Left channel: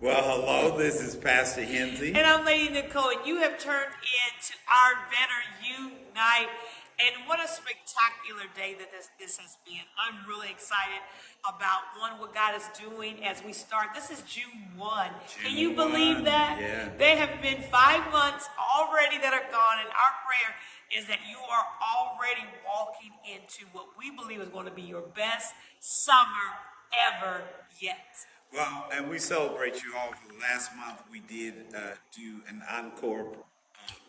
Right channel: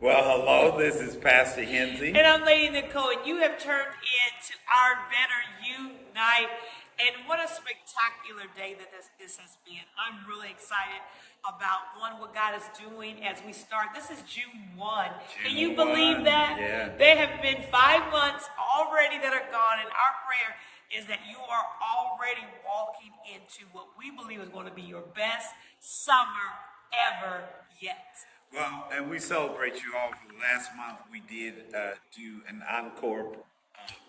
Well, hello, this is Pastor Hensley. And I'm Lady Nicole, and you have turned into our Better Unite. And what a spectacular day that this has been. I'm really excited about what God is doing as we start. This is June 1. Can you believe that? Yeah. There have been 5 months already that are gone, and our prayer is that you are already walking into what we believe is going to be your best summer ever yet. Well, and we celebrate you all. For the last month, we did do an encore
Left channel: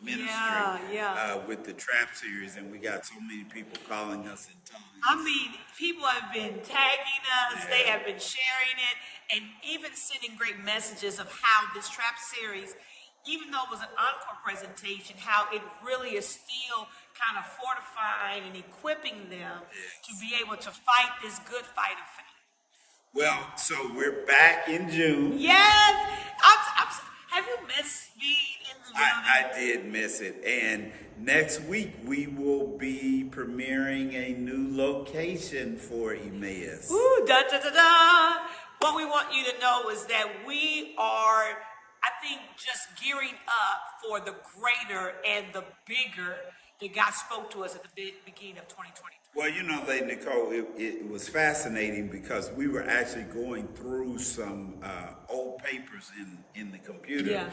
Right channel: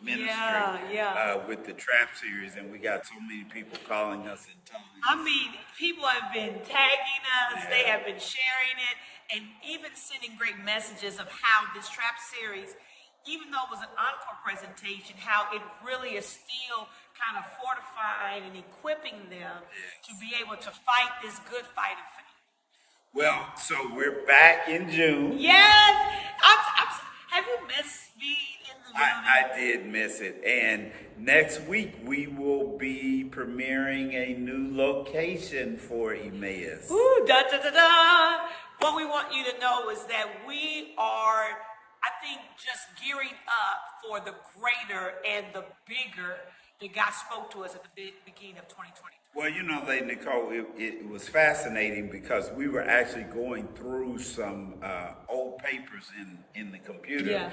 ministry with the Trap series, and we got so many people calling us and telling us. I mean, people have been tagging us, they have been sharing it, and even sending great messages of how this Trap series, even though it was an encore presentation, how it really is still kind of fortifying and equipping them to be able to fight this good fight of faith. Well, so we're back in June. Yes! Have you missed being in the building? I did miss it. And next week, we will be premiering a new location for Emmaus. Ooh, da da da da! What we want you to know is that we are, I think, just gearing up for the greater and the bigger that God spoke to us at the beginning of 2023. Well, you know, Lady Nicole, it was fascinating because we were actually going through some old papers in the computer.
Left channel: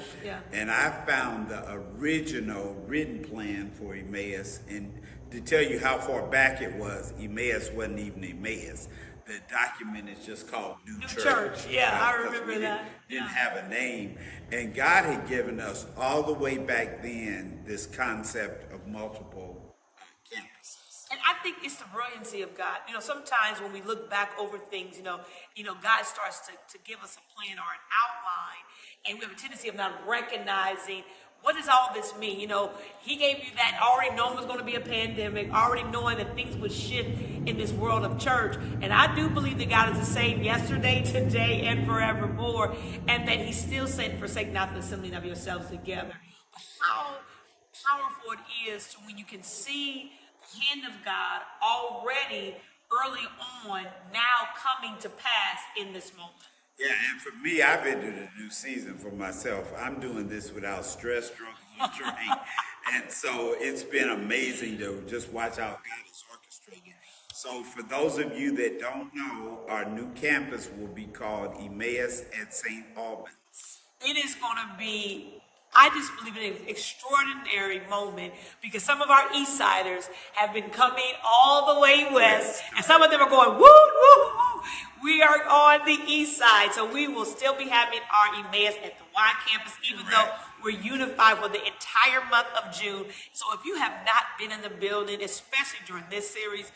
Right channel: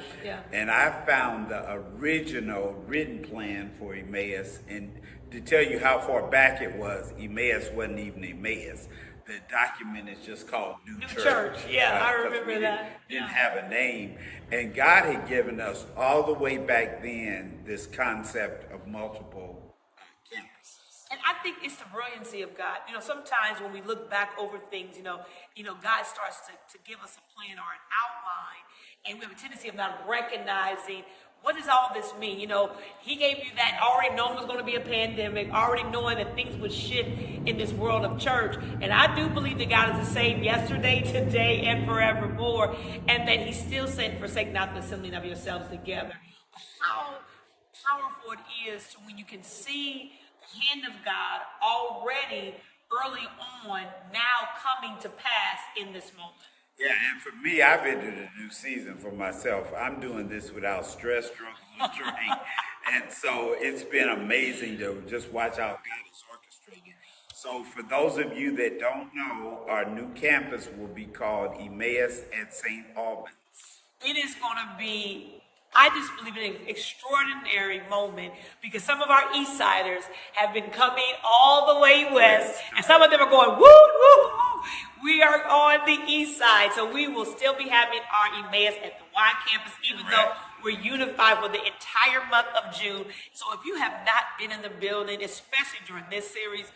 And I found the original written plan for Emmaus. And to tell you how far back it was, Emmaus wasn't even Emmaus. The document is just called New Church. Yeah, I remember that. Didn't have a name. And God had given us all the way back then this concept of multiple campuses. And I think it's the brilliancy of God. You know, sometimes when we look back over things, God starts to give us a plan or an outline, and we have a tendency of not recognizing what does all this mean. You know, He gave you that already knowing there's going to be a pandemic, already knowing that things would shift in this world of church. And I do believe that God is the same yesterday, today, and forevermore, and that He still said, forsake not the assembling of yourselves together. How powerful it is to when you can see the hand of God already early on now coming to pass in this moment. Yeah, and for me, I've entered a new season for myself. I'm doing this without stress, struggle, and strain. And so it's been amazing to just watch how God is orchestrating. So for those of you that don't know, our new campus will be called Emmaus at St. Albans. It is going to be, I just believe, an extraordinary moment because some of our East Siders have been coming all the way west, and some of them are going, woo, woo, woo. We are on the East Side, so we will still be having our Emmaus at the Y campus, even though we're unified for the entire month of June. So if you have not been in the building, especially during this series,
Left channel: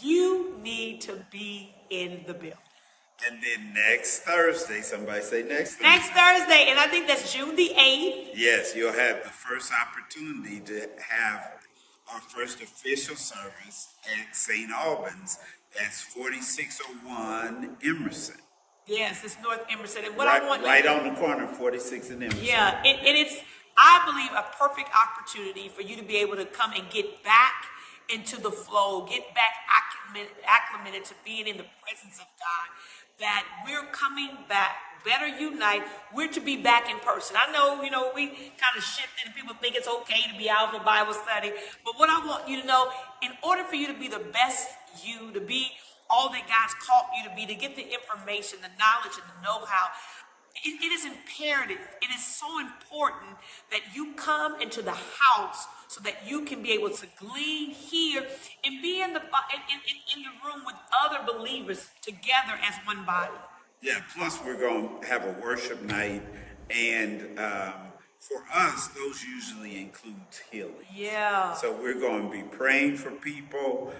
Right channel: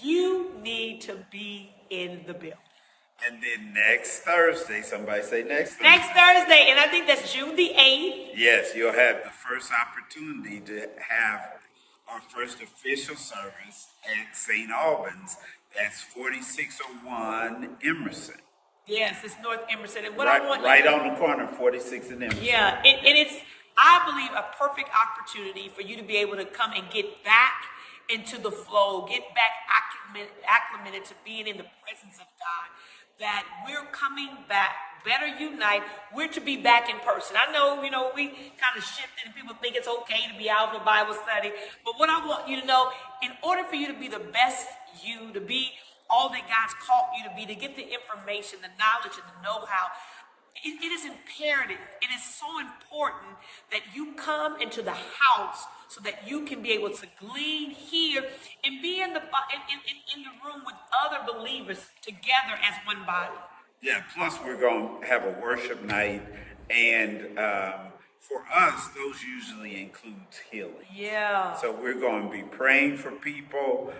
you need to be in the building. And then next Thursday, somebody say next Thursday. Next Thursday, and I think that's June the 8th. Yes, you'll have the first opportunity to have our first official service at St. Albans. That's 4601 Emerson. Yes, it's North Emerson. And what right, I want right on the corner, 46 and Emerson. Yeah, and it's, I believe, a perfect opportunity for you to be able to come and get back into the flow, get back acclimated to being in the presence of God. That we're coming back, Better Unite. We're to be back in person. I know, we kind of shifted and people think it's okay to be out for Bible study. But what I want you to know, in order for you to be the best you, to be all that God's called you to be, to get the information, the knowledge, and the know-how, it is imperative. It is so important that you come into the house so that you can be able to glean here and be in the room with other believers together as one body. Yeah, plus we're going to have a worship night, and for us, those usually includes healing. Yeah. So we're going to be praying for people,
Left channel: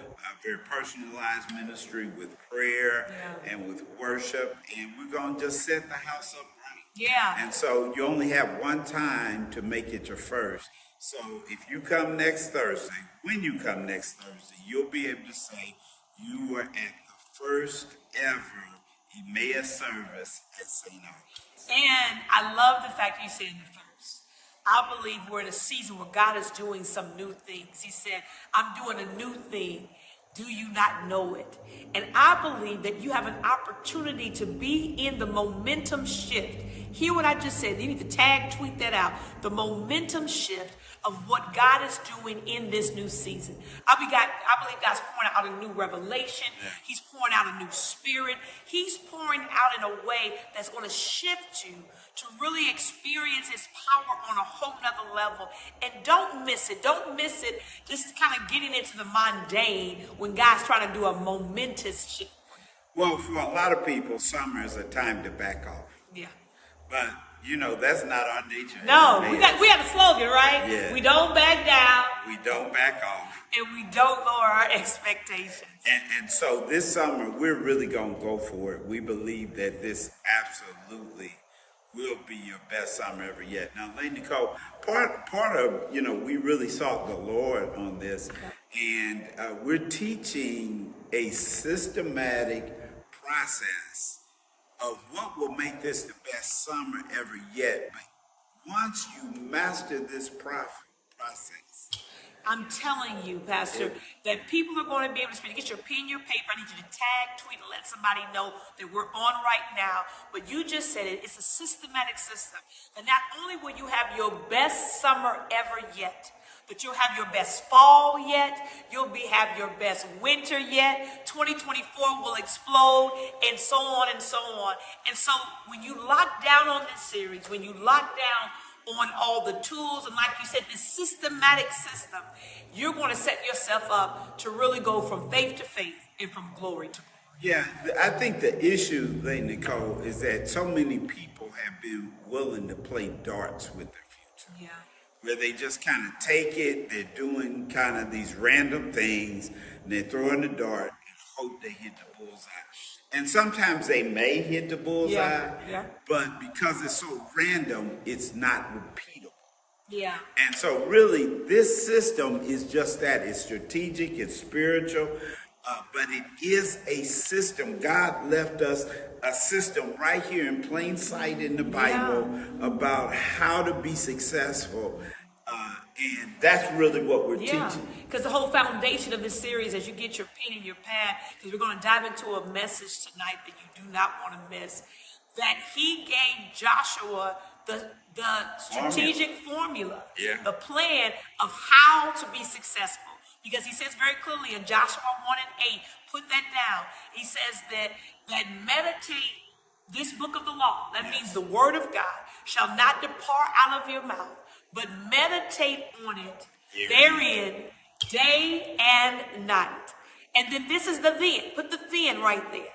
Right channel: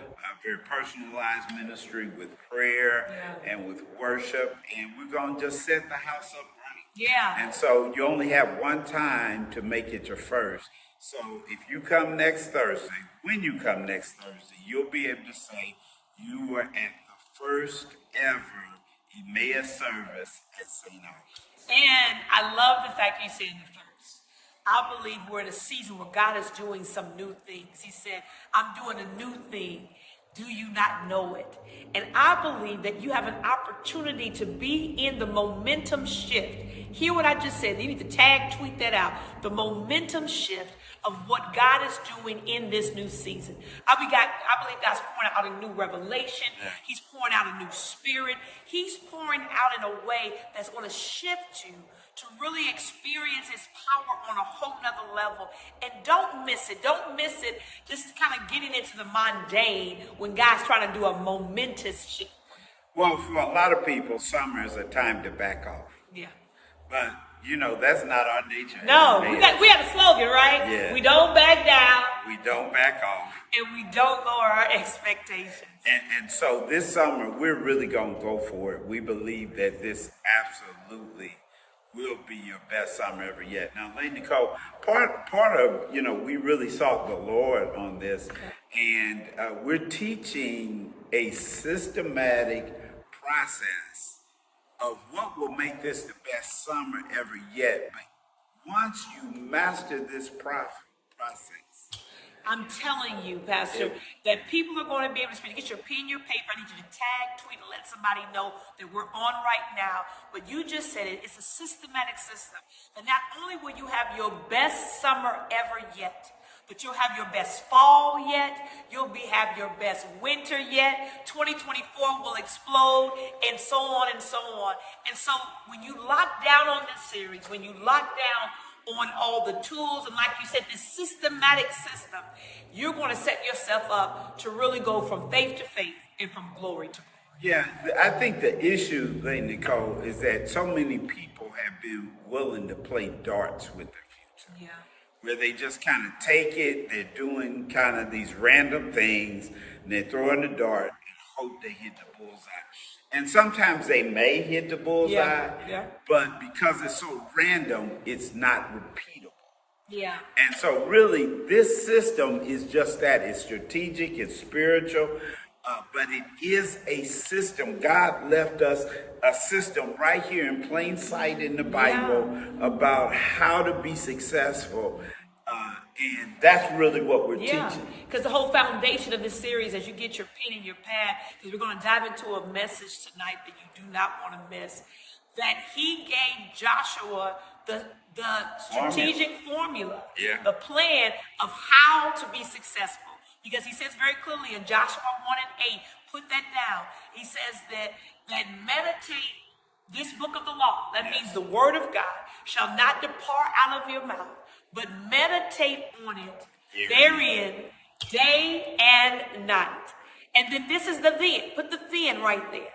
very personalized ministry with prayer and with worship, and we're going to just set the house up right. Yeah. And so you only have one time to make it your first. So if you come next Thursday, when you come next Thursday, you'll be able to say you were at the first ever Emmaus service at St. Albans. And I love the fact you said the first. I believe we're in a season where God is doing some new things. He said, I'm doing a new thing. Do you not know it? And I believe that you have an opportunity to be in the momentum shift. Hear what I just said. You need to tweet that out. The momentum shift of what God is doing in this new season. I believe God's pouring out a new revelation. He's pouring out a new spirit. He's pouring out in a way that's going to shift you to really experience his power on a whole nother level. And don't miss it. Don't miss it just kind of getting into the mundane when God's trying to do a momentous shift. Well, for a lot of people, summer is a time to back off. Yeah. But, that's not our nature. No, we have a slogan, right? Yeah. We don't back down. We don't back off. And we don't lower our expectations. And so this summer, we're really going to go for it. We believe that this absolutely will be your best summer ever yet. Now, Lady Nicole, part of, we really sought the Lord on this, and we're teaching a systematic process of what will make this the best summer ever yet. But once you master this process, I'm telling you, Pastor, that people are going to be able to speak. Get your pen, your paper. I need you to tag, tweet, and let somebody know that we're on right now. But you just said it. It's a systematic system. And not only will you have your best summer ever yet, but you'll have your best fall yet. You'll have your best winter yet. 2024 will explode, and so on and so on. And so when you lock down on this series, when you lock down on all the tools, and like you said, this systematic system, you're going to set yourself up to really go from faith to faith and from glory to glory. Yeah, I think the issue, Lady Nicole, is that so many people have been willing to play darts with their future. Yeah. Where they just kind of take it, they're doing kind of these random things, and they're throwing the dart and hope they hit the bullseye. And sometimes they may hit the bullseye, but because it's so random, it's not repeatable. Yeah. And so really, this system is just that. It's strategic, it's spiritual, but it is a system. God left us a system right here in plain sight in the Bible about how to be successful. And that's really what we're teaching. Because the whole foundation of this series, as you get your pen and your pad, because we're going to dive into a message tonight that you do not want to miss, that he gave Joshua the strategic formula, the plan of how to be successful. Because he says very clearly in Joshua 1 and 8, put that down. He says that meditate this book of the law, that means the word of God, shall not depart out of your mouth, but meditate on it therein day and night. And then this is the then. Put the then right there.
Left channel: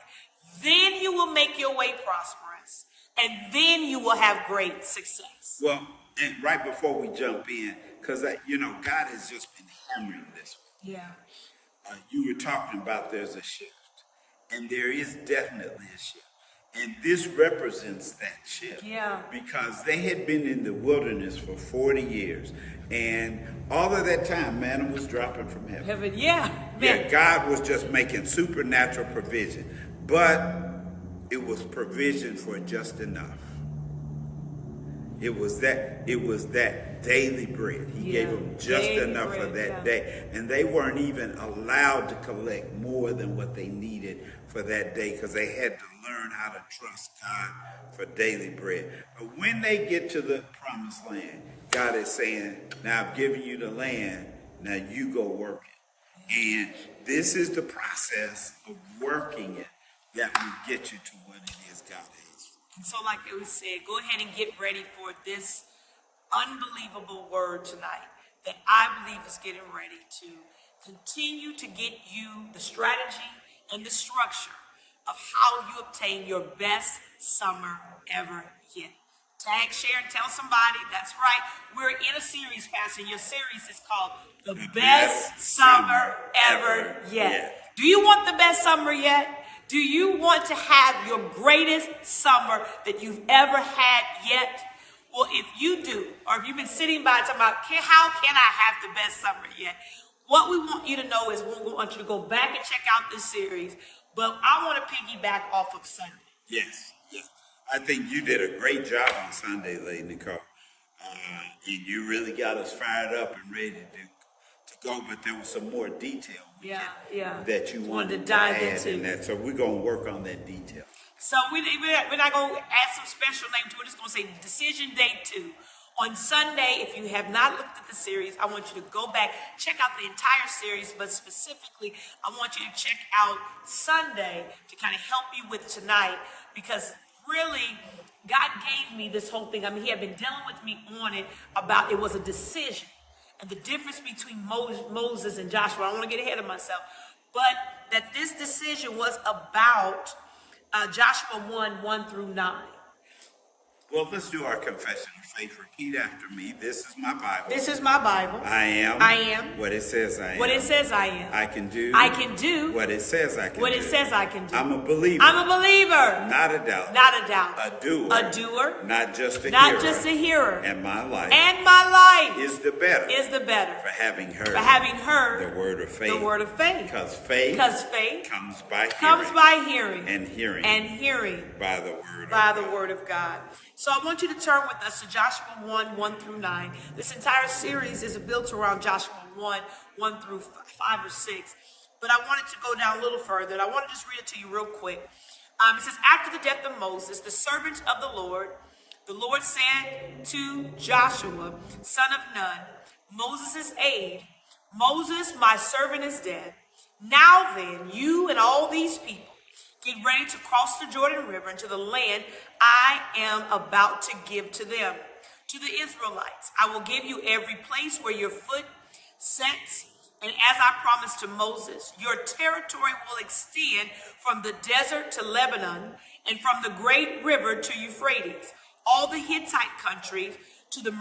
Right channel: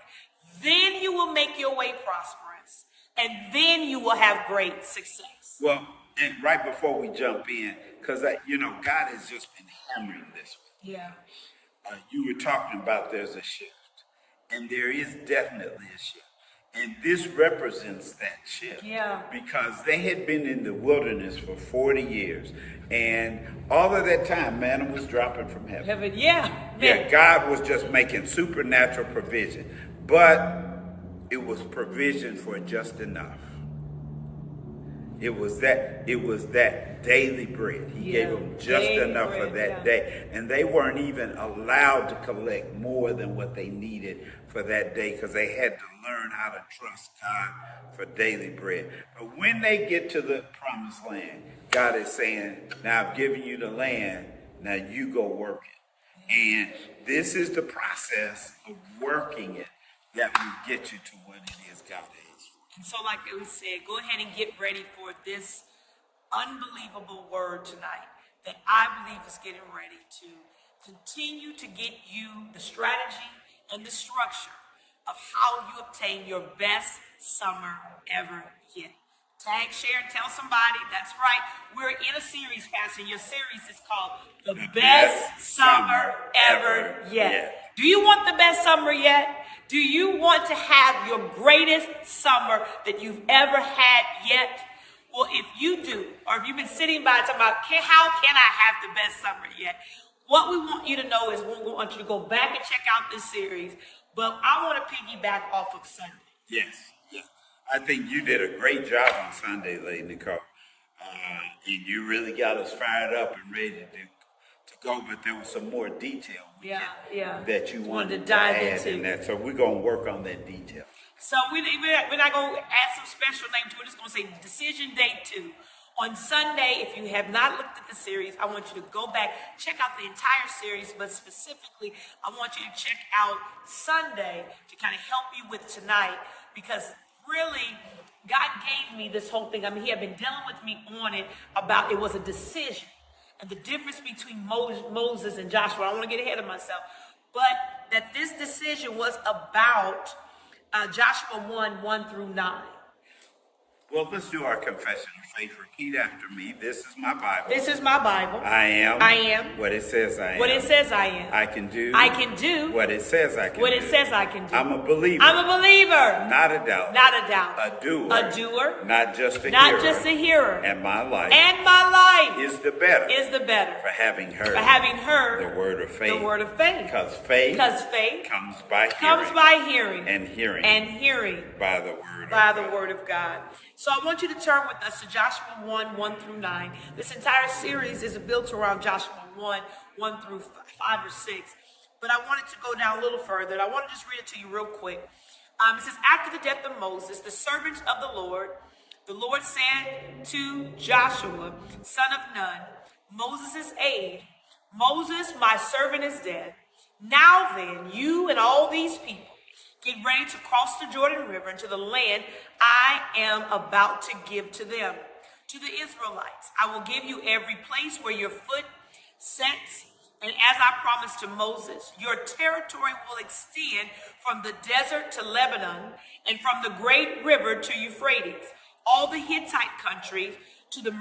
Then you will make your way prosperous, and then you will have great success. Well, and right before we jump in, because God has just been hammering this. Yeah. You were talking about there's a shift, and there is definitely a shift. And this represents that shift. Yeah. Because they had been in the wilderness for 40 years. And all of that time, manna was dropping from heaven. Yeah, God was just making supernatural provision. But it was provision for just enough. It was that daily bread. He gave them just enough for that day. And they weren't even allowed to collect more than what they needed for that day because they had to learn how to trust God for daily bread. But when they get to the promised land, God is saying, now I've given you the land, now you go work it. And this is the process of working it that will get you to what it is God has. And so like it was said, go ahead and get ready for this unbelievable word tonight that I believe is getting ready to continue to get you the strategy and the structure of how you obtain your best summer ever yet. Tag, share, and tell somebody. That's right. We're in a series, Pastor. Your series is called The Best Summer Ever Yet. Do you want the best summer yet? Do you want to have your greatest summer that you've ever had yet? Well, if you do, or if you've been sitting by talking about, how can I have the best summer yet? What we want you to know is we want you to go back and check out this series, but I want to piggyback off of Sunday. Yes. I think you did a great job on Sunday, Lady Nicole. And you really got us fired up and ready to go, but there was some more detail yeah. that you wanted to dive add into in that. So we're going to work on that detail. So we're not going to add some special name to it. We're just going to say Decision Day 2. On Sunday, if you have not looked at the series, I want you to go back, check out the entire series, but specifically, I want you to check out Sunday to kind of help you with tonight, because really, God gave me this whole thing. I mean, he had been dealing with me on it about it was a decision. And the difference between Moses and Joshua, I don't want to get ahead of myself, but that this decision was about Joshua 1 through 9. Well, let's do our confession of faith. Repeat after me. This is my Bible. This is my Bible. I am what it says I am. What it says I am. I can do what it says I can do. What it says I can do. I'm a believer. Not a doubter. Not a doubter. A doer. Not just a hearer. And my life. Is the better. For having heard. The word of faith. Because faith. Comes by hearing. And hearing. By the word of God. So I want you to turn with us to Joshua 1 through 9. This entire series is built around Joshua 1 through 5 or 6. But I wanted to go down a little further. And I want to just read it to you real quick. It says, after the death of Moses, the servant of the Lord said to Joshua, son of Nun, Moses' aide, Moses, my servant, is dead. Now then, you and all these people, get ready to cross the Jordan River into the land I am about to give to them. To the Israelites, I will give you every place where your foot sets. And as I promised to Moses, your territory will extend from the desert to Lebanon and from the great river to Euphrates, all the Hittite countries to the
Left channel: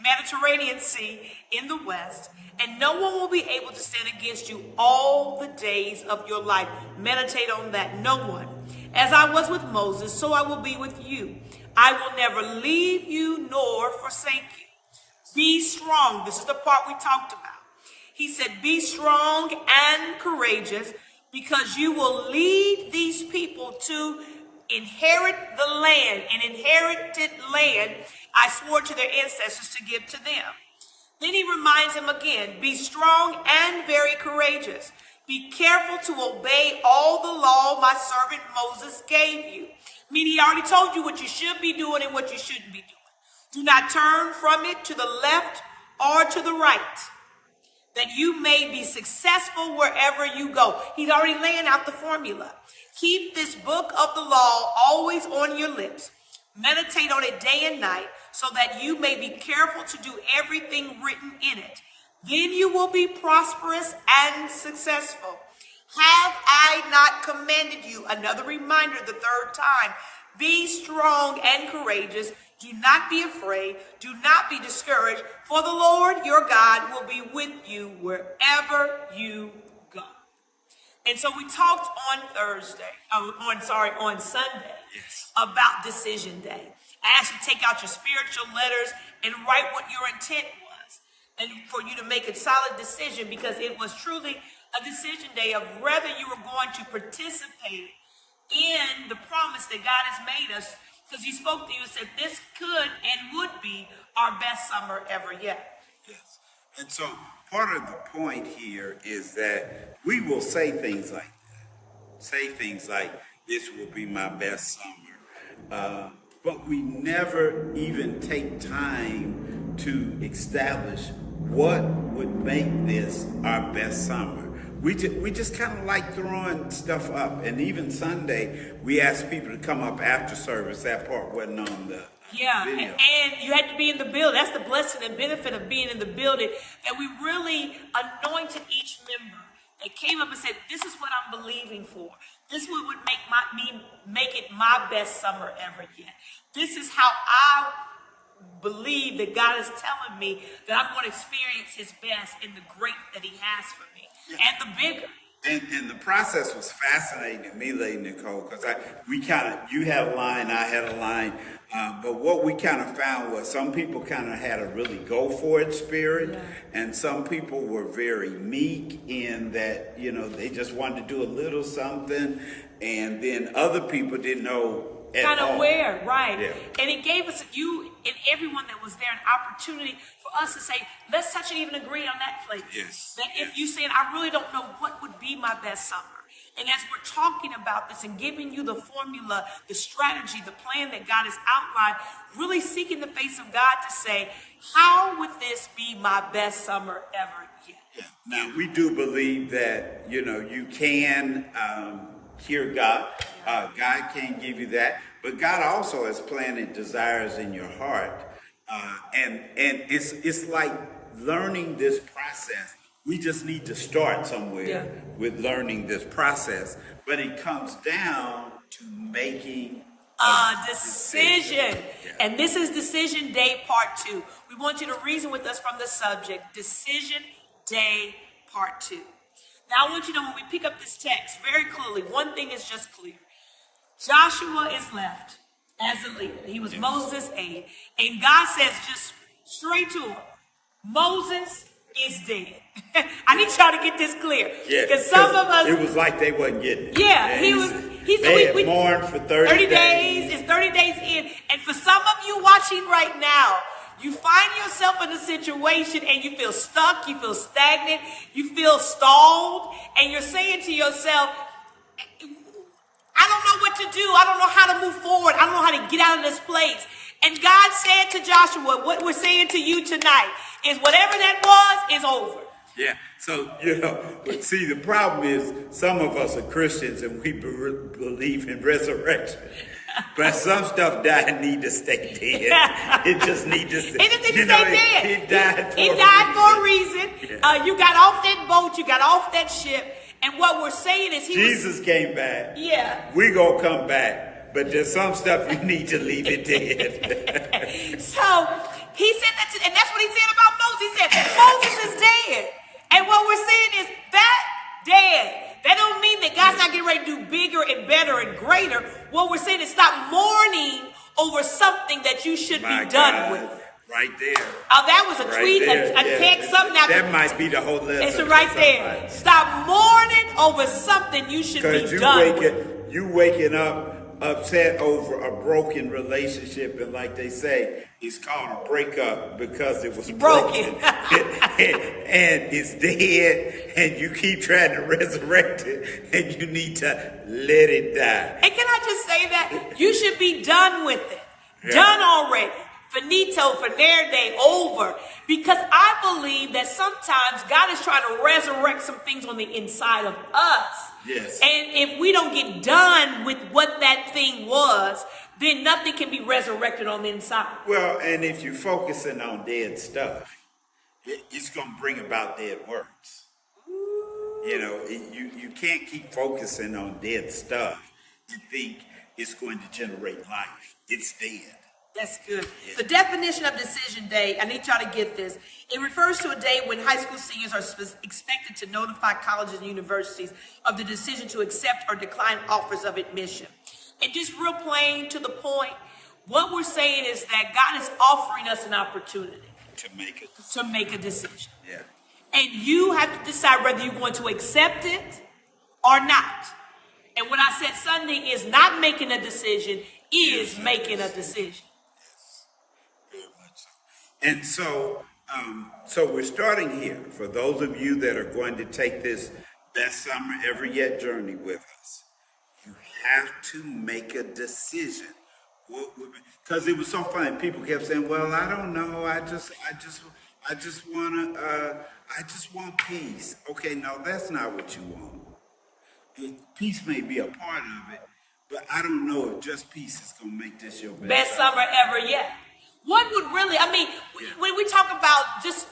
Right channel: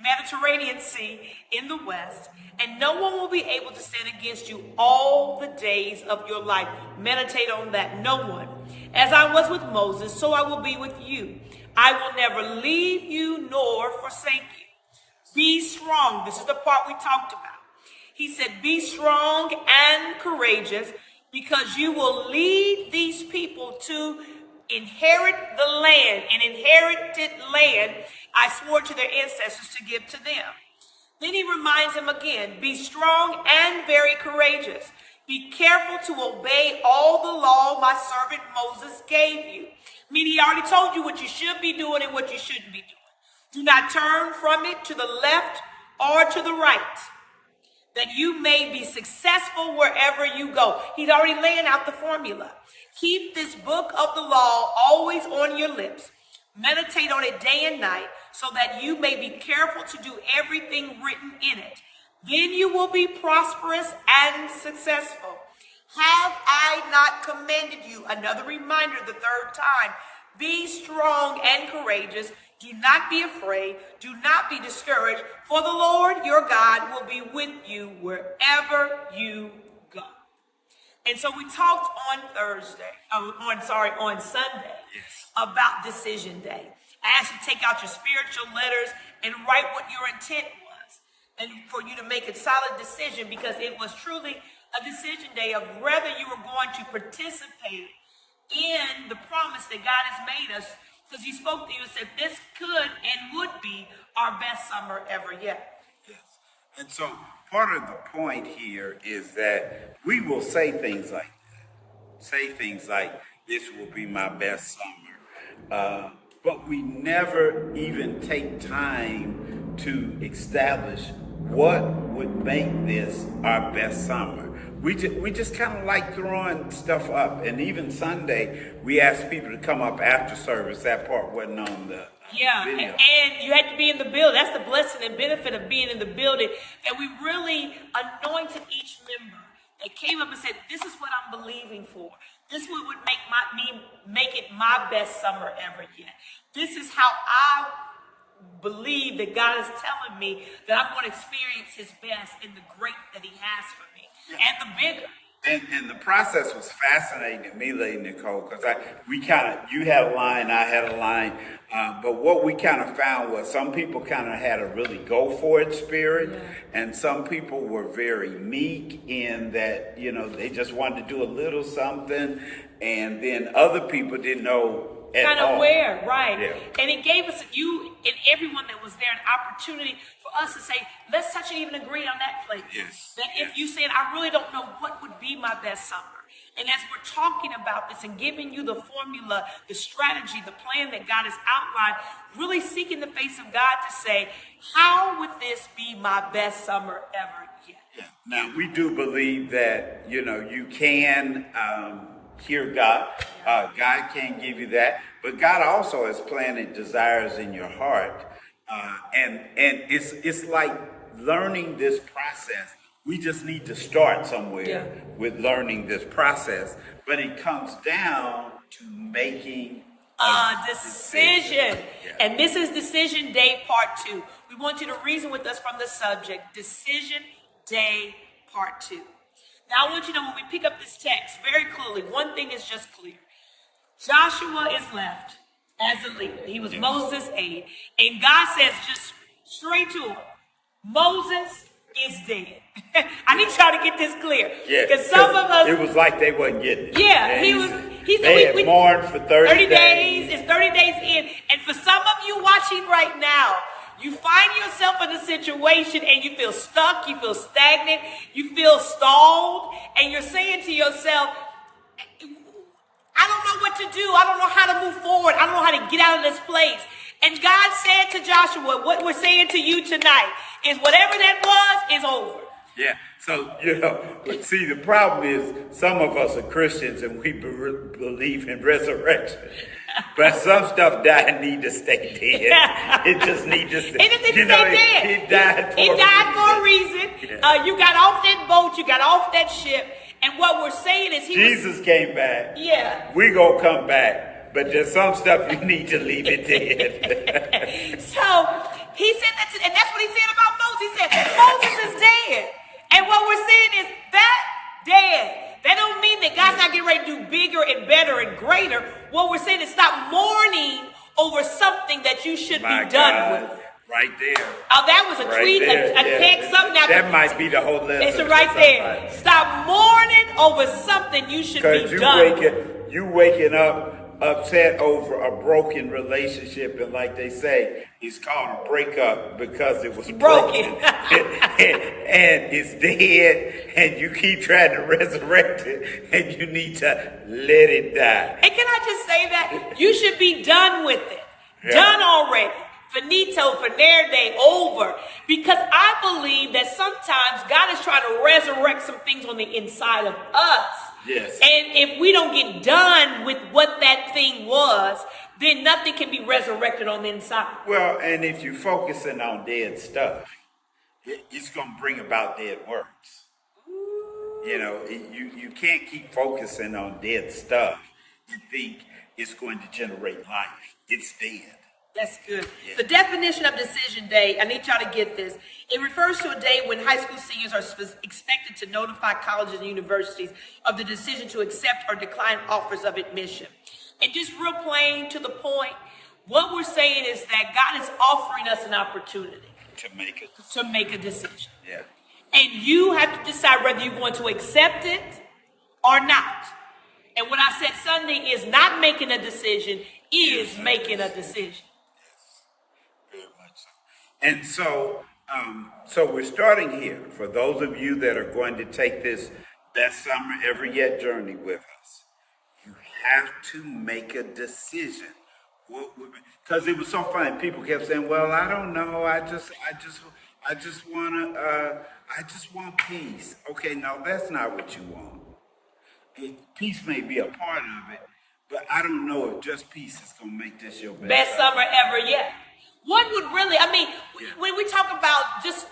Mediterranean Sea in the west, and no one will be able to stand against you all the days of your life. Meditate on that. No one. As I was with Moses, so I will be with you. I will never leave you nor forsake you. Be strong. This is the part we talked about. He said, be strong and courageous, because you will lead these people to inherit the land, an inherited land I swore to their ancestors to give to them. Then he reminds him again, be strong and very courageous. Be careful to obey all the law my servant Moses gave you. Meaning he already told you what you should be doing and what you shouldn't be doing. Do not turn from it to the left or to the right, that you may be successful wherever you go. He's already laying out the formula. Keep this book of the law always on your lips. Meditate on it day and night, so that you may be careful to do everything written in it. Then you will be prosperous and successful. Have I not commanded you? Another reminder the third time. Be strong and courageous. Do not be afraid. Do not be discouraged, for the Lord your God will be with you wherever you go. And so we talked on Sunday about Decision Day. I asked you to take out your spiritual letters and write what your intent was, and for you to make a solid decision, because it was truly a decision day of whether you were going to participate in the promise that God has made us, because he spoke to you and said this could and would be our best summer ever yet. Yes. And so part of the point here is that we will say things like that. Say things like, this will be my best summer. But we never even take time to establish what would make this our best summer. We just kind of like throwing stuff up. And even Sunday, we asked people to come up after service. That part wasn't on the video. And you had to be in the building. That's the blessing and benefit of being in the building. And we really anointed each member. They came up and said, this is what I'm believing for. This is what would make it my best summer ever yet. This is how I believe that God is telling me that I'm going to experience his best in the great that he has for me. And the bigger. And the process was fascinating to me, Lady Nicole, because you had a line, I had a line, but what we kind of found was some people kind of had a really go for it spirit, and some people were very meek in that, they just wanted to do a little something, and then other people didn't know at kind all. of where, right? Yeah. And it gave us, you and everyone that was there, an opportunity for us to say, let's touch and even agree on that place. Yes. That if Yes. you said, I really don't know what would be my best summer. And as we're talking about this and giving you the formula, the strategy, the plan that God has outlined, really seeking the face of God to say, how would this be my best summer ever yet? Yeah. Now, we do believe that, you can hear God. God can give you that. But God also has planted desires in your heart. And it's like learning this process. We just need to start somewhere with learning this process. But it comes down to making a decision. Yeah. And this is Decision Day Part 2. We want you to reason with us from the subject, Decision Day Part 2. Now, I want you to know when we pick up this text very clearly, one thing is just clear. Joshua is left as a leader. He was Moses' aide. And God says just straight to him, Moses is dead. I need y'all to get this clear. Yeah, because some of us, it was like they wasn't getting it. Yeah, they had mourned for 30 days. It's 30 days in. And for some of you watching right now, you find yourself in a situation and you feel stuck, you feel stagnant, you feel stalled, and you're saying to yourself, I don't know what to do. I don't know how to move forward. I don't know how to get out of this place. And God said to Joshua, what we're saying to you tonight is whatever that was is over. Yeah. So, see, the problem is some of us are Christians and we believe in resurrection. But some stuff died need to stay dead. It just needs to stay dead. It died for a reason. Yeah. You got off that boat. You got off that ship. And what we're saying is Jesus came back. Yeah. We gonna come back. But there's some stuff you need to leave it dead. So he said that, and that's what he said about Moses. He said, Moses is dead. And what we're saying is that dead. That don't mean that God's not getting ready to do bigger and better and greater. What we're saying is stop mourning over something that you should be done with. Right there. Oh, that was a tweet, a text, something out there. That might be the whole lesson. It's right there. Stop mourning over something you should be done with. You waking up upset over a broken relationship, and like they say, it's called a breakup because it was broken. And it's dead, and you keep trying to resurrect it, and you need to let it die. And can I just say that? You should be done with it. Yeah. Done already. Finito, finerde, over. Because I believe that sometimes God is trying to resurrect some things on the inside of us. Yes. And if we don't get done with what that thing was, then nothing can be resurrected on the inside. Well, and if you're focusing on dead stuff, it's going to bring about dead works. You can't keep focusing on dead stuff and think it's going to generate life. It's dead. That's good. Yeah. The definition of Decision Day, I need y'all to get this. It refers to a day when high school seniors are expected to notify colleges and universities of the decision to accept or decline offers of admission. And just real plain to the point, what we're saying is that God is offering us an opportunity to make a decision. Yeah. And you have to decide whether you're going to accept it or not. And what I said Sunday is not making a decision, is making a decision. And so we're starting here. For those of you that are going to take this Best Summer Ever Yet journey with us, you have to make a decision. Because it was so funny. People kept saying, "Well, I don't know. I just want peace." Okay, no, that's not what you want. Peace may be a part of it, but I don't know if just peace is going to make this your best summer ever yet. What would really, when we talk about just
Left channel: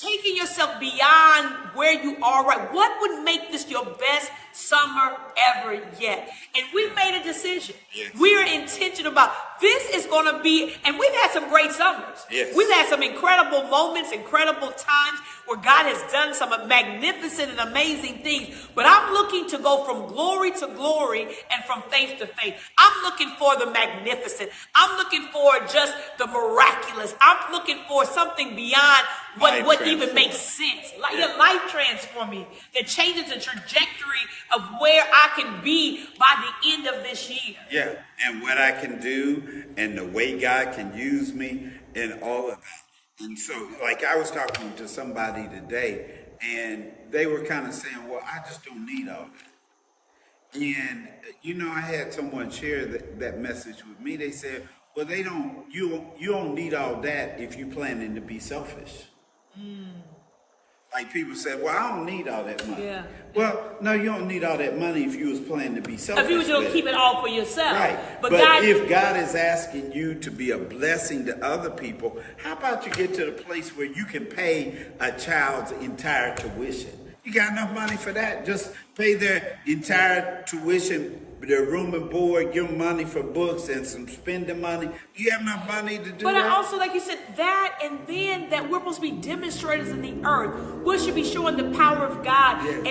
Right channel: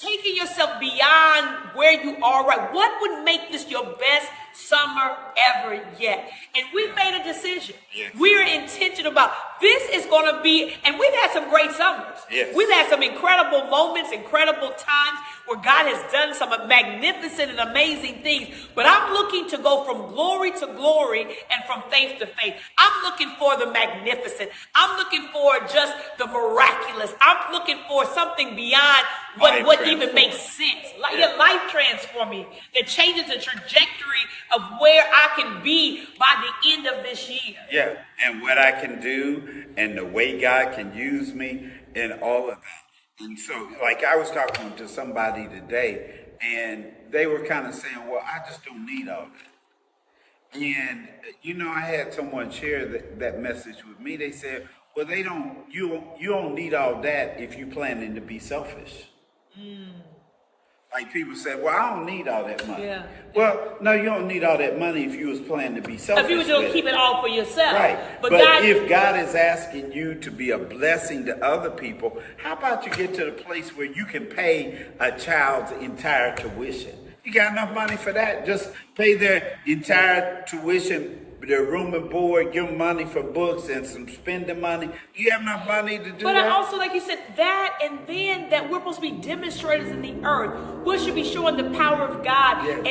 taking yourself beyond where you are right, what would make this your best summer ever yet? And we've made a decision. Yes. We are intentional about this is going to be, and we've had some great summers. Yes. We've had some incredible moments, incredible times where God has done some magnificent and amazing things. But I'm looking to go from glory to glory and from faith to faith. I'm looking for the magnificent. I'm looking for just the miraculous. I'm looking for something beyond what even makes sense. Like your life transforming that changes the trajectory of where I can be by the end of this year. Yeah, and what I can do and the way God can use me and all of that. And so, like I was talking to somebody today, and they were kind of saying, well, I just don't need all that. And, I had someone share that message with me. They said, well, you don't need all that if you're planning to be selfish. Like people say, well, I don't need all that money. Yeah. Well, no, you don't need all that money if you was planning to be selfish. If you was going to keep it all for yourself. Right. But if God is asking you to be a blessing to other people, how about you get to the place where you can pay a child's entire tuition? You got enough money for that? Just pay their entire tuition, their room and board, give them money for books and some spending money. Do you have enough money to do that? But I also, like you said, that, and then that we're supposed to be demonstrators in the earth. We should be showing the power of God. Yes.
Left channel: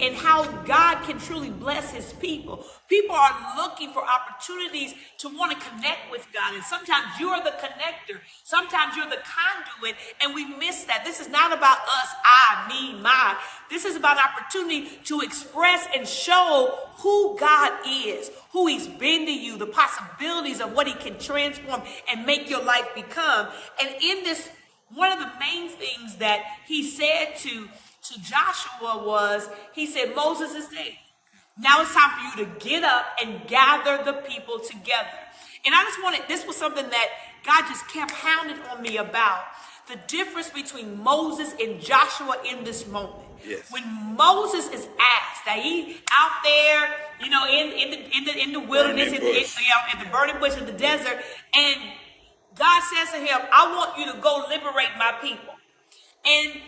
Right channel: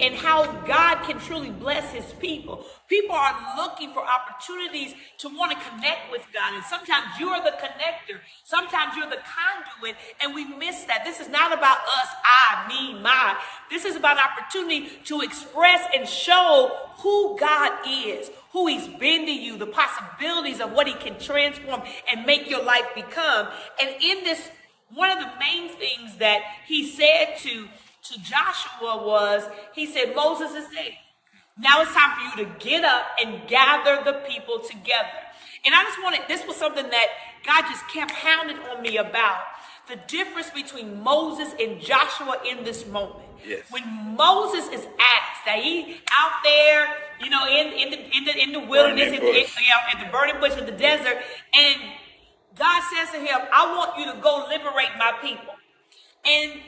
and how God can truly bless his people. People are looking for opportunities to want to connect with God. And sometimes you're the connector. Sometimes you're the conduit. And we miss that. This is not about us, I, me, my. This is about an opportunity to express and show who God is, who he's been to you, the possibilities of what he can transform and make your life become. And in this, one of the main things that he said to Joshua was, he said, Moses is dead. Now it's time for you to get up and gather the people together. And I just wanted, this was something that God just kept hounding on me about, the difference between Moses and Joshua in this moment. Yes. When Moses is asked, that he out there, in the wilderness, in the burning bush in the desert, and God says to him, I want you to go liberate my people. And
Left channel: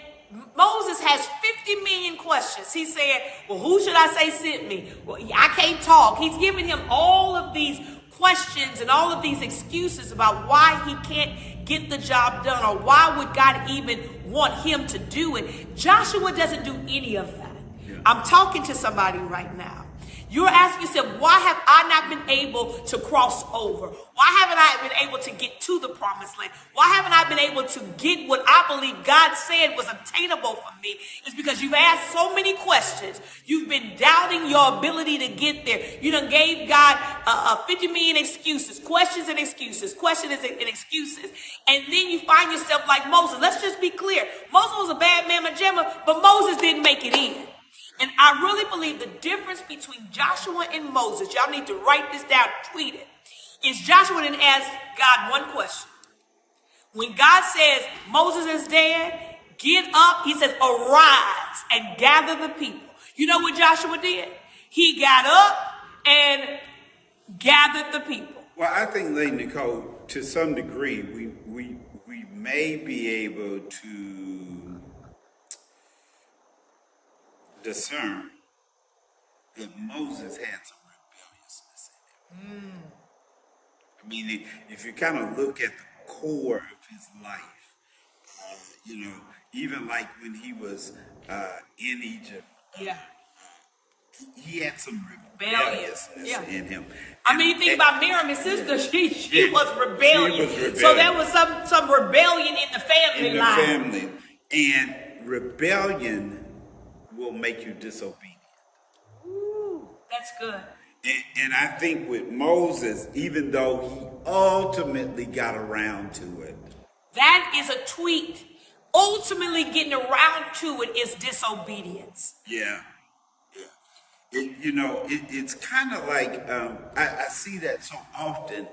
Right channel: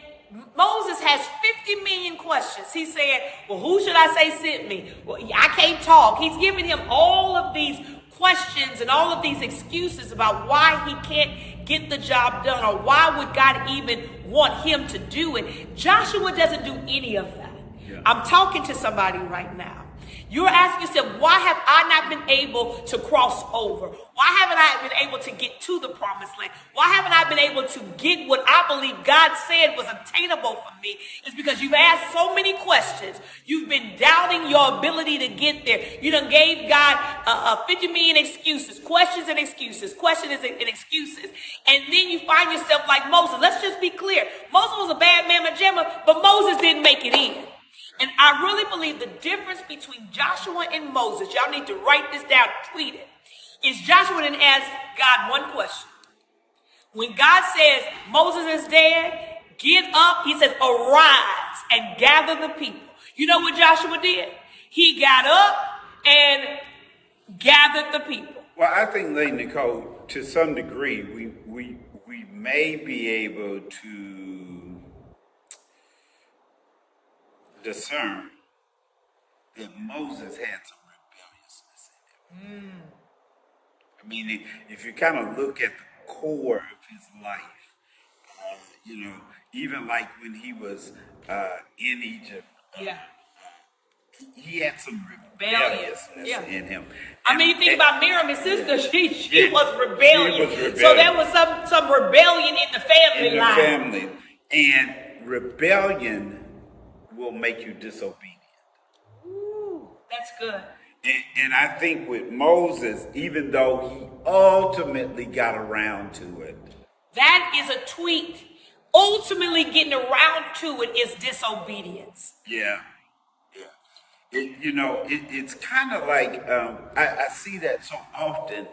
Moses has 50 million questions. He said, well, who should I say sent me? Well, I can't talk. He's giving him all of these questions and all of these excuses about why he can't get the job done, or why would God even want him to do it. Joshua doesn't do any of that. Yeah. I'm talking to somebody right now. You're asking yourself, why have I not been able to cross over? Why haven't I been able to get to the promised land? Why haven't I been able to get what I believe God said was obtainable for me? It's because you've asked so many questions. You've been doubting your ability to get there. You done gave God 50 million excuses, questions and excuses, questions and excuses. And then you find yourself like Moses. Let's just be clear. Moses was a bad mamma jamma, but Moses didn't make it in. And I really believe the difference between Joshua and Moses, y'all need to write this down, tweet it, is Joshua didn't ask God one question. When God says Moses is dead, get up, he says, arise and gather the people. You know what Joshua did? He got up and gathered the people. Well, I think, Lady Nicole, to some degree, we may be able to discern that Moses had some rebelliousness in him. I mean, if you kind of look at the core of his life, even like when he was in Egypt, he had some rebelliousness in him. I mean, you think about Miriam, his sister, she was rebellious. So there was some rebellion in the family line. Family. And rebellion will make you disobedient. Ooh, that's good. And I think with Moses, even though he ultimately got around to it. That is a tweet. Ultimately getting around to it is disobedience. Yeah. It's kind of like, I see that so often.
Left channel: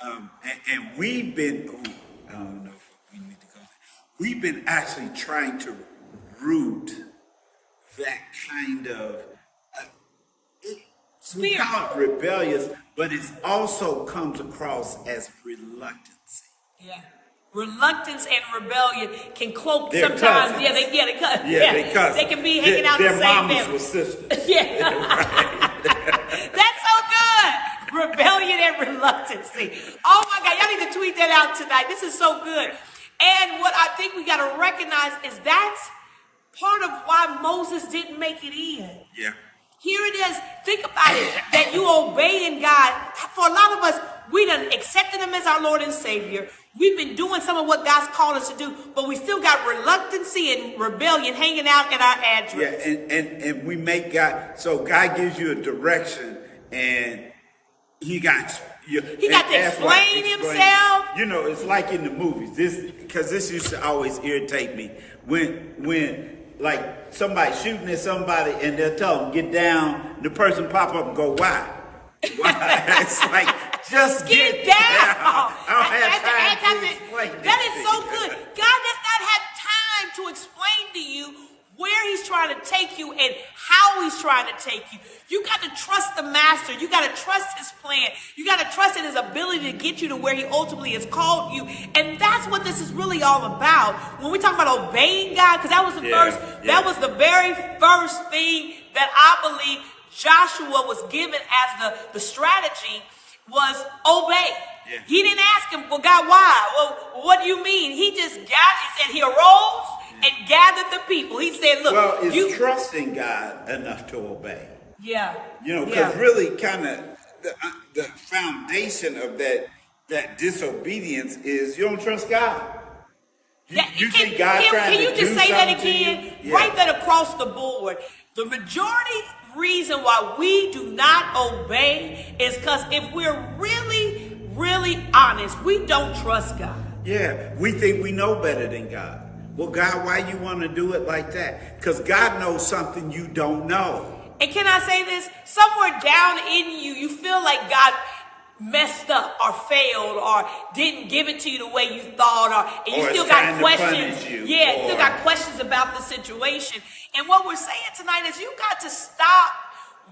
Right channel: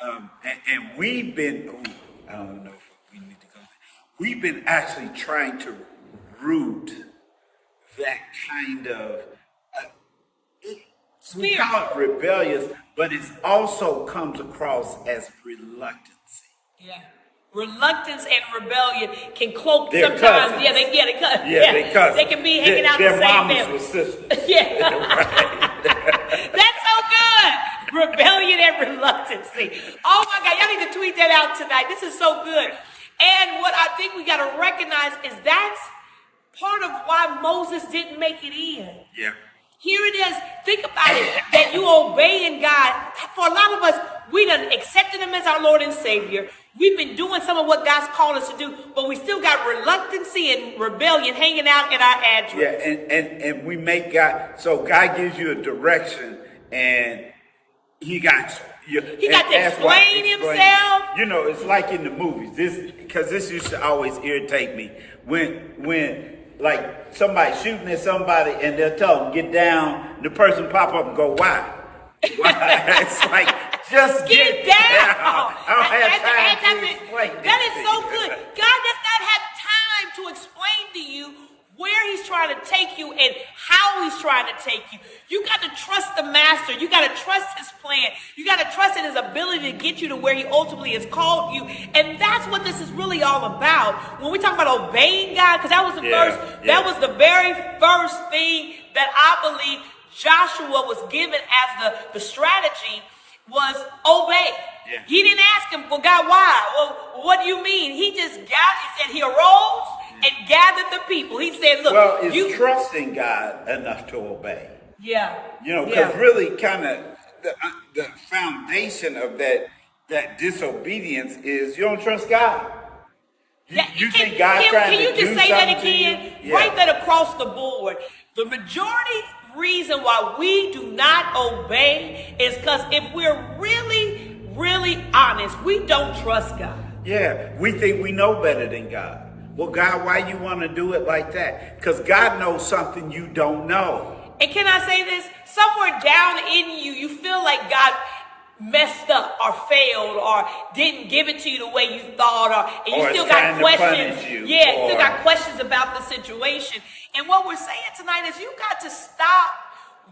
And we've been, I don't know if we need to go there. We've been actually trying to root that kind of, we call it rebellious, but it also comes across as reluctancy. Yeah. Reluctance and rebellion can cloak they're sometimes. Cousins. They cousins. They can be hanging out the same mamas family. were sisters. Yeah. That's so good. Rebellion and reluctancy. Oh my God, y'all need to tweet that out tonight. This is so good. And what I think we got to recognize is that's part of why Moses didn't make it in. Yeah. Here it is. Think about it, that you obeying God. For a lot of us, we done accepted him as our Lord and Savior. We've been doing some of what God's called us to do, but we still got reluctancy and rebellion hanging out in our address. Yeah, and we make God, so God gives you a direction, and he got you. He got to explain himself. You know, it's like in the movies. This used to always irritate me when like somebody shooting at somebody and they'll tell them get down. The person pop up and go, why? Why? It's like just get down. I don't have time to explain that is so good. God does not have time to explain to you where he's trying to take you and how he's trying to take you. You got to trust the master. You got to trust his plan. You got to trust in his ability to get you to where he ultimately has called you. And that's what this is really all about. When we talk about obeying God, because that was that was the very first thing that I believe Joshua was given as the strategy was obey. Yeah. He didn't ask him, well, God, why? Well, what do you mean? He just said he arose and gathered the people. He said, look. Well, it's trusting God enough to obey. Yeah. You know, because really kind of the foundation of that disobedience is you don't trust God. You think God's trying to do something to you? Can you just say that again? Yeah. Write that across the board. The majority reason why we do not obey is because if we're really, really honest, we don't trust God. Yeah, we think we know better than God. Well, God, why you want to do it like that? Because God knows something you don't know. And can I say this? Somewhere down in you, you feel like God messed up or failed or didn't give it to you the way you thought, and you still got questions. You still got questions about the situation. And what we're saying tonight is you got to stop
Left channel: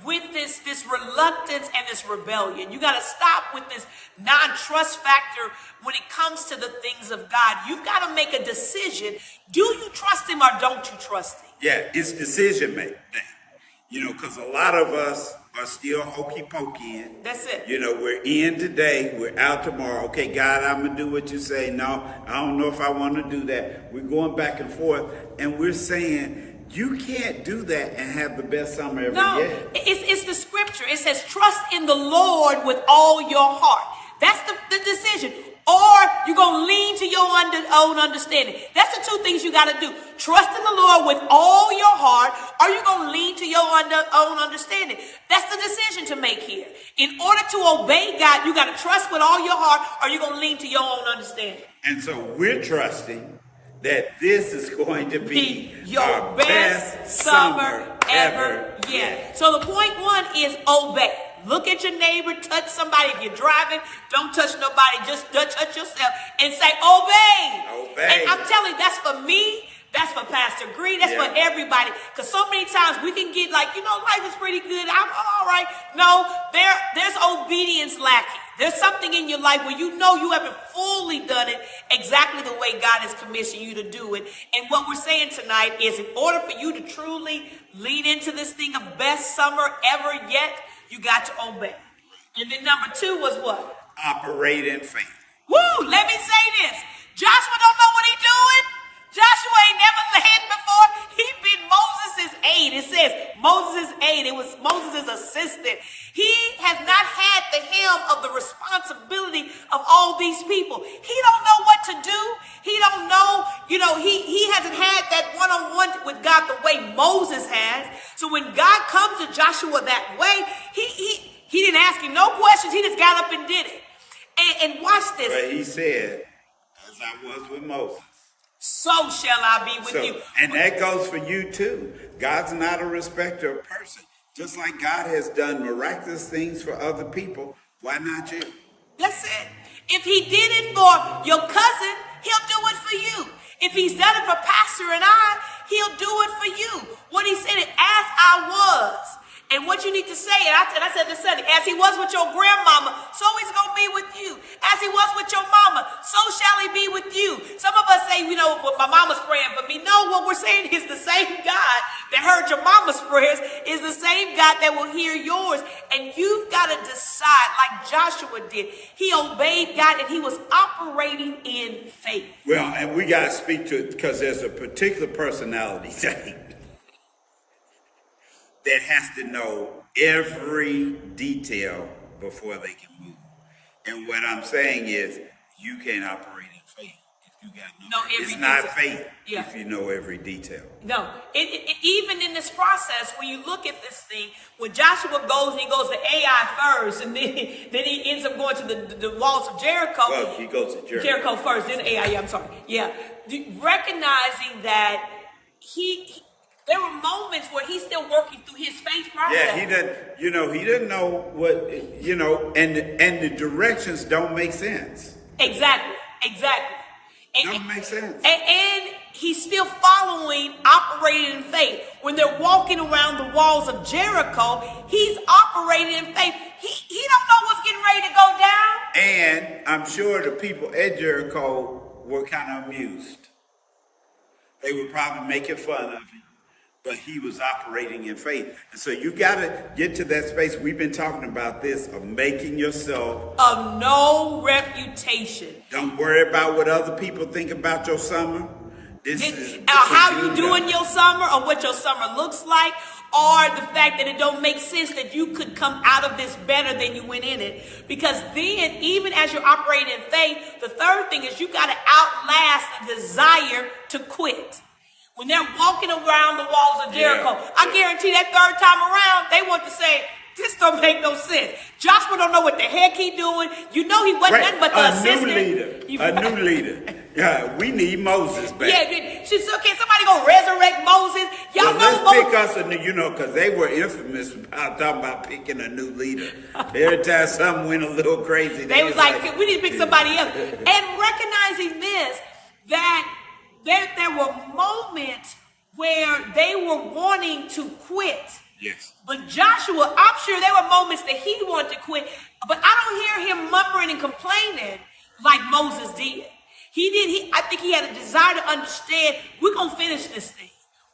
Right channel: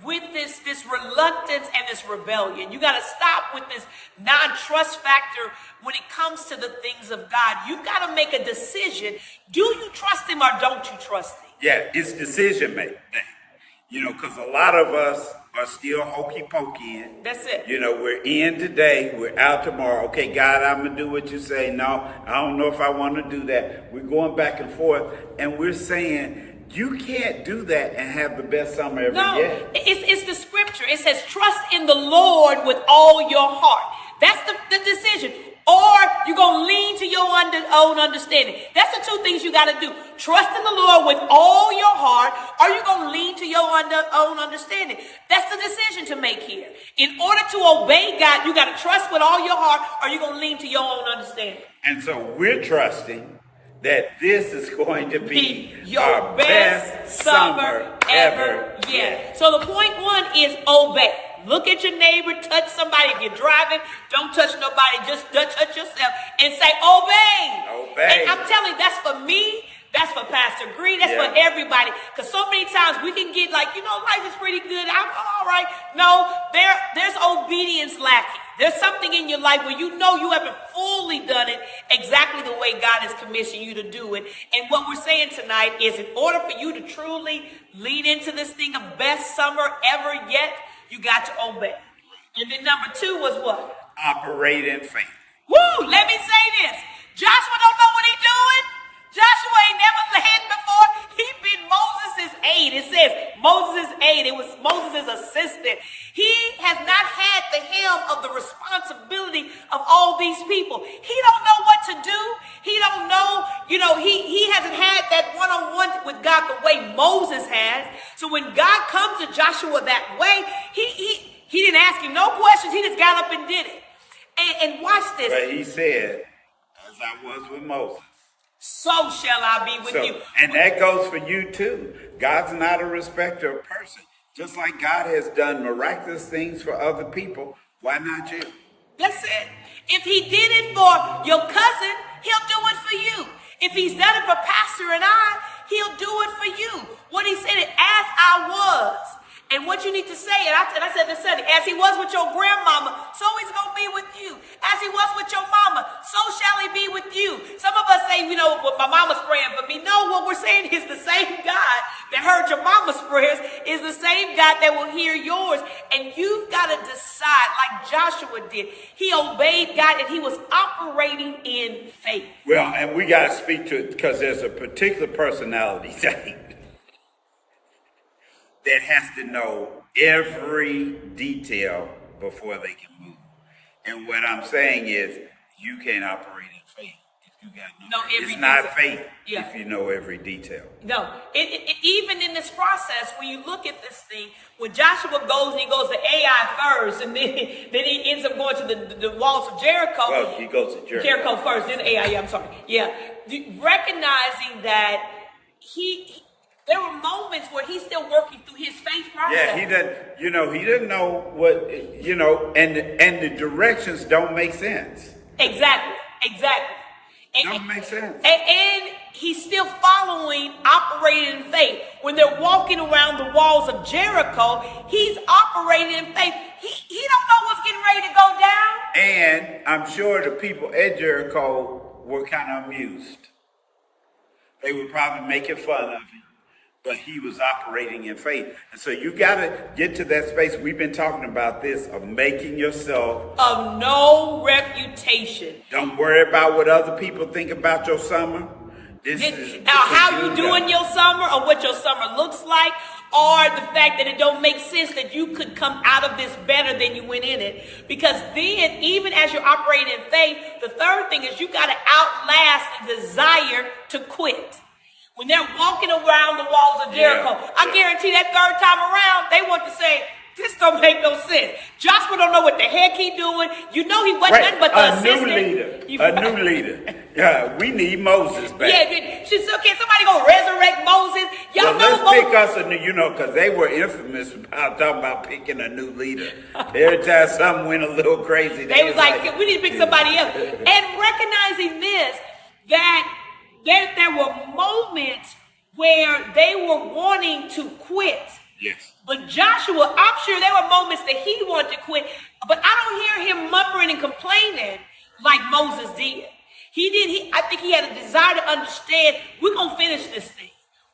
with this reluctance and this rebellion. You got to stop with this non-trust factor when it comes to the things of God. You've got to make a decision. Do you trust him or don't you trust him? Yeah, it's decision making. You know, because a lot of us are still hokey pokey in. That's it. You know, we're in today, we're out tomorrow. Okay, God, I'm going to do what you say. No, I don't know if I want to do that. We're going back and forth, and we're saying, you can't do that and have the best summer ever yet. It's the scripture. It says, trust in the Lord with all your heart. That's the decision. Or you're going to lean to your own understanding. That's the two things you got to do. Trust in the Lord with all your heart, or you're going to lean to your own understanding. That's the decision to make here. In order to obey God, you got to trust with all your heart, or you're going to lean to your own understanding. And so we're trusting that this is going to be your best summer ever yet. So the point one is obey. Look at your neighbor, touch somebody. If you're driving, don't touch nobody. Just touch yourself and say, obey. Obey. And I'm telling you, that's for me. That's for Pastor Green. That's for everybody. Because so many times we can get like, life is pretty good. I'm all right. No, there's obedience lacking. There's something in your life where you haven't fully done it exactly the way God has commissioned you to do it. And what we're saying tonight is in order for you to truly lean into this thing of best summer ever yet, you got to obey. And then number two was what? Operate in faith. Woo! Let me say this. Joshua don't know what he's doing. Joshua ain't never led before. He been Moses' aide. It says Moses' aide. It was Moses' assistant. He has not had the helm of the responsibility of all these people. He don't know what to do. He don't know, he hasn't had that one-on-one with God the way Moses has. So when God comes to Joshua that way, he didn't ask him no questions. He just got up and did it. And watch this. But he said, as I was with Moses, so shall I be with you. And that goes for you too. God's not a respecter of person. Just like God has done miraculous things for other people, why not you? That's it. If he did it for your cousin, he'll do it for you. If he's done it for Pastor and I, he'll do it for you. What he said, as I was. And what you need to say, and I said this, as he was with your grandmama, so he's going to be with you. As he was with your mama, so shall he be with you. Some of us say, well, my mama's praying for me. No, what we're saying is the same God that heard your mama's prayers is the same God that will hear yours. And you've got to decide, like Joshua did. He obeyed God and he was operating in faith. Well, and we got to speak to it because there's a particular personality thing that has to know every detail before they can move. And what I'm saying is, you can't operate in You got to know know. every It's not detail. faith Yeah. if you know every detail. No, even in this process, when you look at this thing, when Joshua goes and he goes to Ai first, and then he ends up going to the walls of Jericho. Well, he goes to Jericho first, then Ai. Yeah, I'm sorry. Yeah, recognizing that there were moments where he's still working through his faith process. Yeah, he didn't know what, and the directions don't make sense. Exactly. Don't make sense. And he's still following, operating in faith. When they're walking around the walls of Jericho, he's operating in faith. He don't know what's getting ready to go down. And I'm sure the people at Jericho were kind of amused. They were probably making fun of him, but he was operating in faith. And so you got to get to that space. We've been talking about this, of making yourself of no reputation. Don't worry about what other people think about your summer. This is how you doing your summer, or what your summer looks like, or the fact that it don't make sense that you could come out of this better than you went in it. Because then, even as you're operating in faith, the third thing is you got to outlast the desire to quit. When they're walking around the walls of Jericho, I guarantee that third time around, they want to say, this don't make no sense. Joshua don't know what the heck he doing. You know he wasn't nothing but the assistant. A new leader. Yeah, we need Moses back. Yeah, she said, okay, somebody gonna resurrect Moses. Y'all know let's pick us a new, because they were infamous about talking about picking a new leader. Every time something went a little crazy, they was like, we need to pick somebody else. And recognizing this, that there were moments where they were wanting to quit. Yes. But Joshua, I'm sure there were moments that he wanted to quit, but I don't hear him muttering and complaining like Moses did. I think he had a desire to understand, we're going to finish this thing.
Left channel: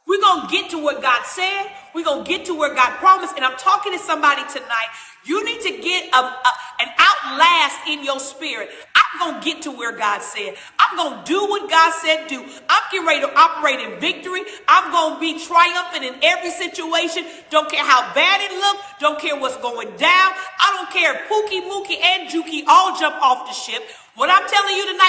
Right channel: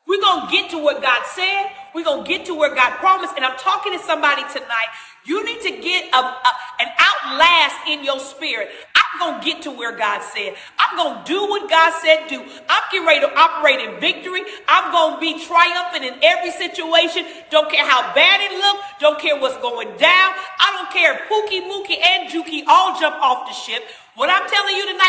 We're going to get to what God said. We're going to get to where God promised. And I'm talking to somebody tonight. You need to get an outlast in your spirit. I'm going to get to where God said. I'm going to do what God said do. I'm getting ready to operate in victory. I'm going to be triumphant in every situation. Don't care how bad it looks. Don't care what's going down. I don't care if Pookie, Mookie, and Juki all jump off the ship. What I'm telling you tonight